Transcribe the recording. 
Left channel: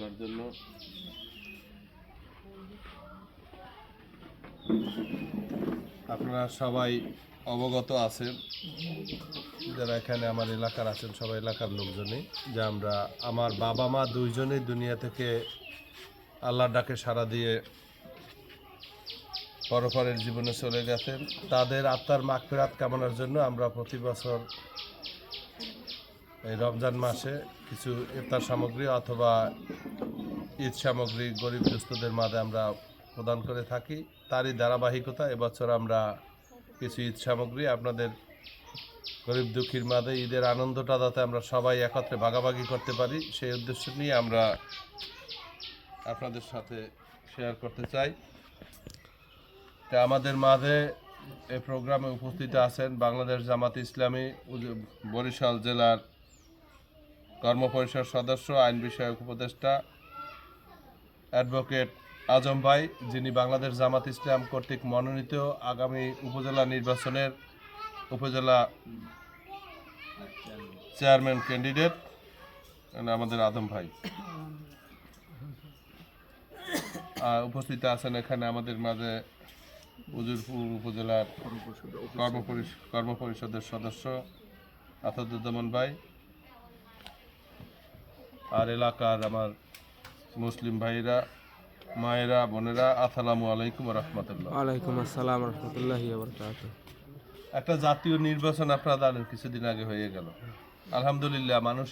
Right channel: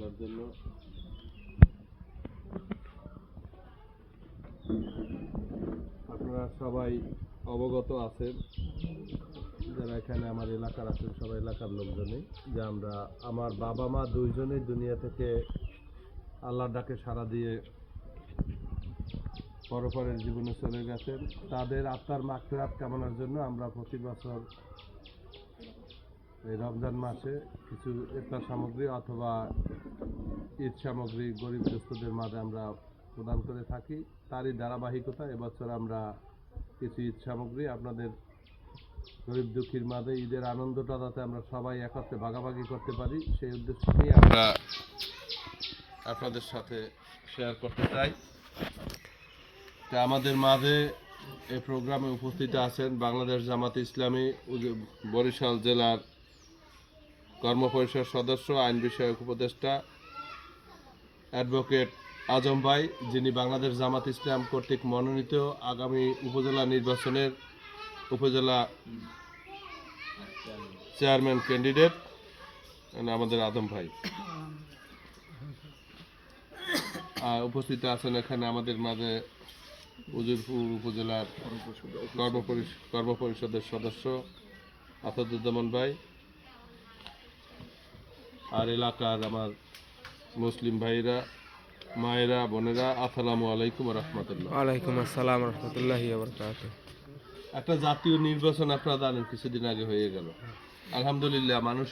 বলার জন্য। আপনারা সবাই অবগত আছেন, যারা এখানে আমার এলাকার আছেন সবাই এলাকার লোকজনই, যে আমার বাবা মা দুইজনেই দুনিয়া থেকে আল্লাহর ডাকে সাড়া দিয়ে পরপরের জীবনে চলে গেছেন। তাদের আত্মার মাগফিরাত কামনার জন্য আমরা প্রতি বছর এই রমজান মাসে কিছু ইফতার সামগ্রী অথবা ঈদ সামগ্রী গরিব দুস্থদের মাঝে আমরা প্রদান করে থাকি। তারই ধারাবাহিকতা এবছর আমরা কিছু ঈদ সামগ্রী আপনাদের গরিব দুঃখীর মাঝে ঈদের আনন্দটা যাতে আমরা সবাই একত্রে ভাগাভাগি করতে পারি সেই উদ্দেশ্য নিয়ে আমরা আপনাদের সাথে শেয়ার করতে চাই। তা আমাদের মাঝে এই প্রোগ্রামে উপস্থিত আছেন বাংলাদেশ জামাত ইসলামী বরিশাল জেলার কর্মপরিষদ সদস্য, আইন বিষয়ক উপদেষ্টা অ্যাডভোকেট আজম ভাই, যিনি বাংলাদেশ জামাত ইসলাম কর্তৃক মনোনীত আগামী উপজেলা নির্বাচনের উপজেলা চেয়ারম্যান ক্যান্ডিডেট আমাদের আজম ভাই। উপস্থিত আছেন এখানে আমাদের মাঝে উজিরপুর উপজেলার কর্মপরিষদের সদস্য আসাদুজ্জামান ভাই, আর এলাকার আমার মুসলিম ভাইরা, মায়েরা, বোনেরা, আসসালামু আলাইকুম রহমতুল্লাহ। ওয়ালাইকুম আসসালাম রহমতুল্লাহি ওয়া বারাকাতুহু। একটা জাতীয় নির্বাচন আপনারা জানেন কিছুদিন আগে হয়ে গেল। আলহামদুলিল্লাহ মানুষ